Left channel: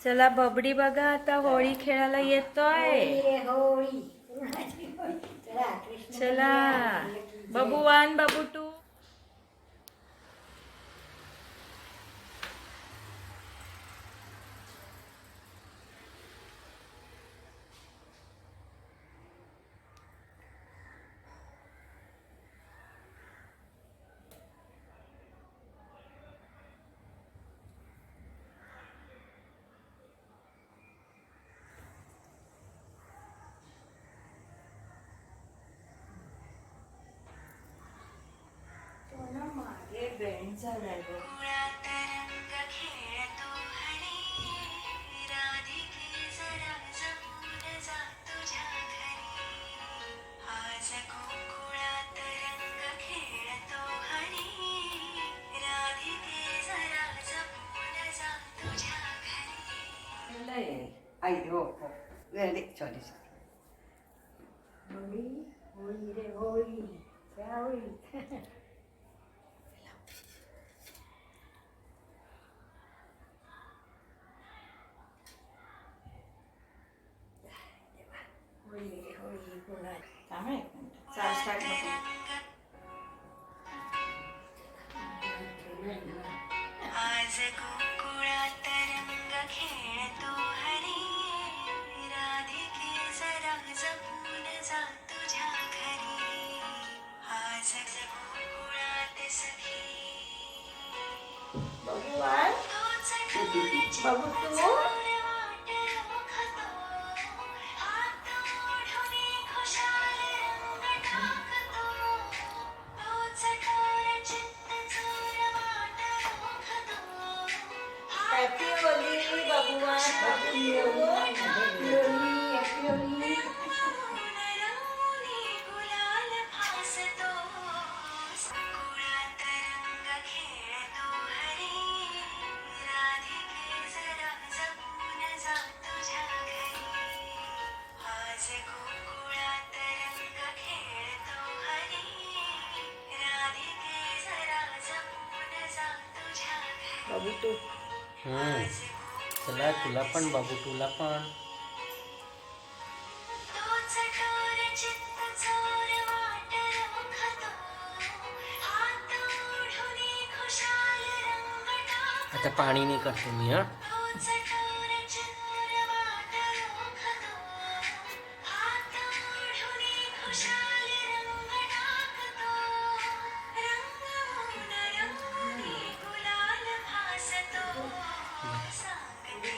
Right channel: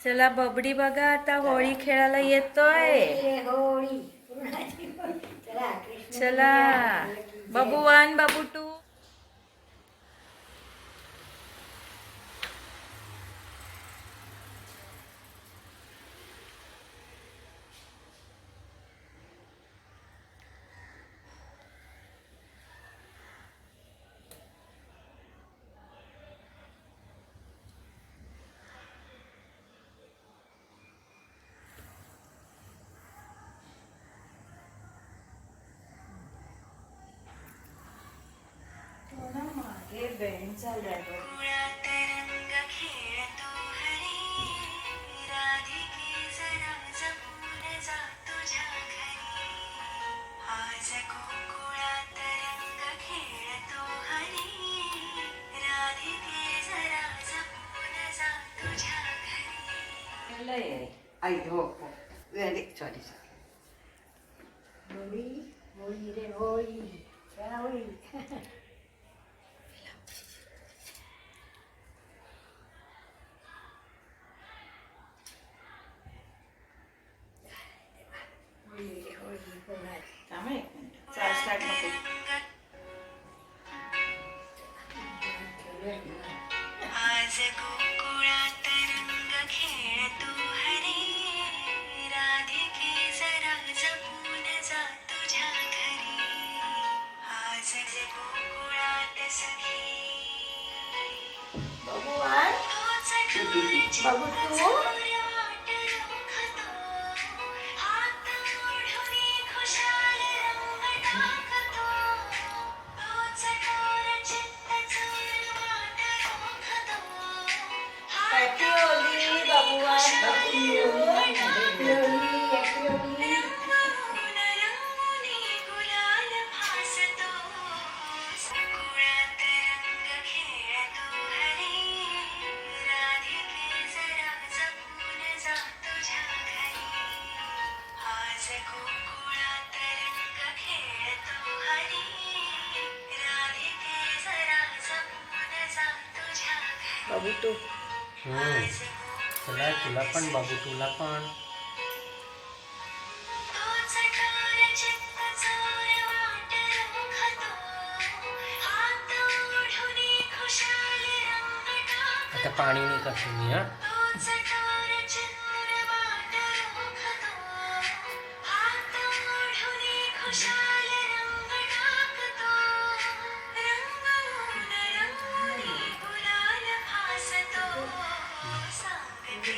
चला बबडी बघा आता होळी खेळायला येतोय. होळी पूर्णाची होळी. चला कृष्ण चला बाबू 1 बाबू 2. मागे बेंड झालाय बघ. आई हो हो सॉरी सॉरी. होळी होळी रे होळी क्या होळी. होळी रे होळी पूर्णाची. थांब एक मिनिट. चला स्टार्ट नको. आज गोकुळात रंग खेळतो हरी, राधिके जरा जपून जा तुझ्या घरी. आज गोकुळात सखी बाबू 1 तोच डोळ्याची बाबू 2. वाट रोखतो, हात ओढून खुशाल रंग टाकतो. तोच डोळ्या चित्त चूर वाट रोखतो, हॅपी होली बाबू 1 बाबू 2. Happy Holi happy Holi. रंगून रंगूनी गुलाल भासतो. गोकुळात रंग खेळतो हरी, राधिके जरा जपून जा तुझ्या घरी. आज गोकुळात रंग खेळतो हरी, राधिके जरा जपून जा तुझ्या घरी. बाबू 2. चला तुला पण बाबू तुला पण. तोच डोळ्या चित्त चोर वाट रोखतो, हात ओढून खुशाल रंग टाकतो. आता पाणी नाही करतो मी हा. तोच डोळ्या चित्त वाट रोखतो, हात ओढून खुशाल रंग टाकतो. रंगून रंगूनी गुलाल भासतो. सांगते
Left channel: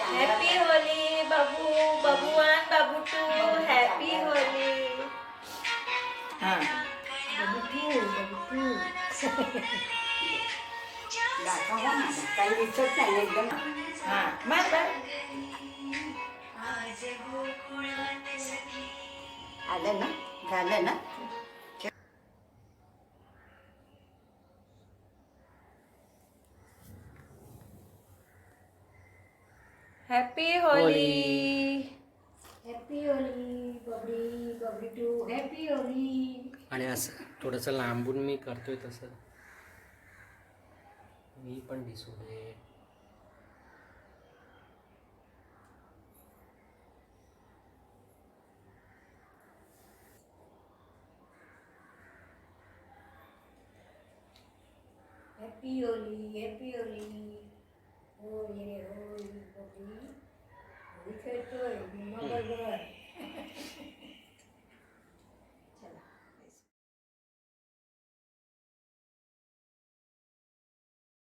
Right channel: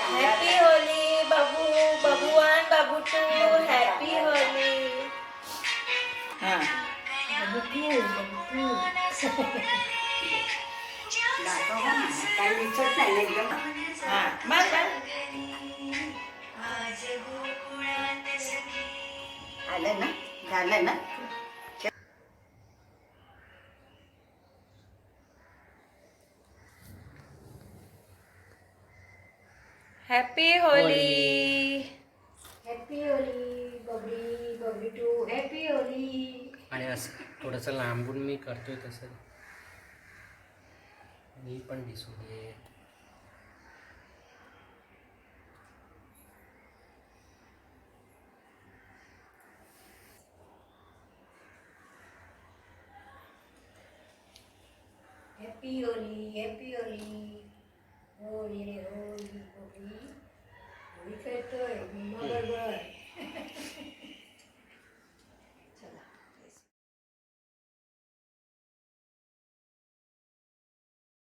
हॅपी होली बाबू बाबू 1 बाबू 2. Happy Holy. दाखव ना काही दिसत नाही एकदम. मग आज गोकुळात सखी आलं ना झालं ना. हॅपी होली. हॅपी होळी बबडी बबडी 2 हॅपी होळी. आणि असं थोडंसं लांबून मी करतोय तसं मी पण दिसू दे. Happy Holi happy Holi. होळी रे होळी होळी होळी खेळतोय बरोबर.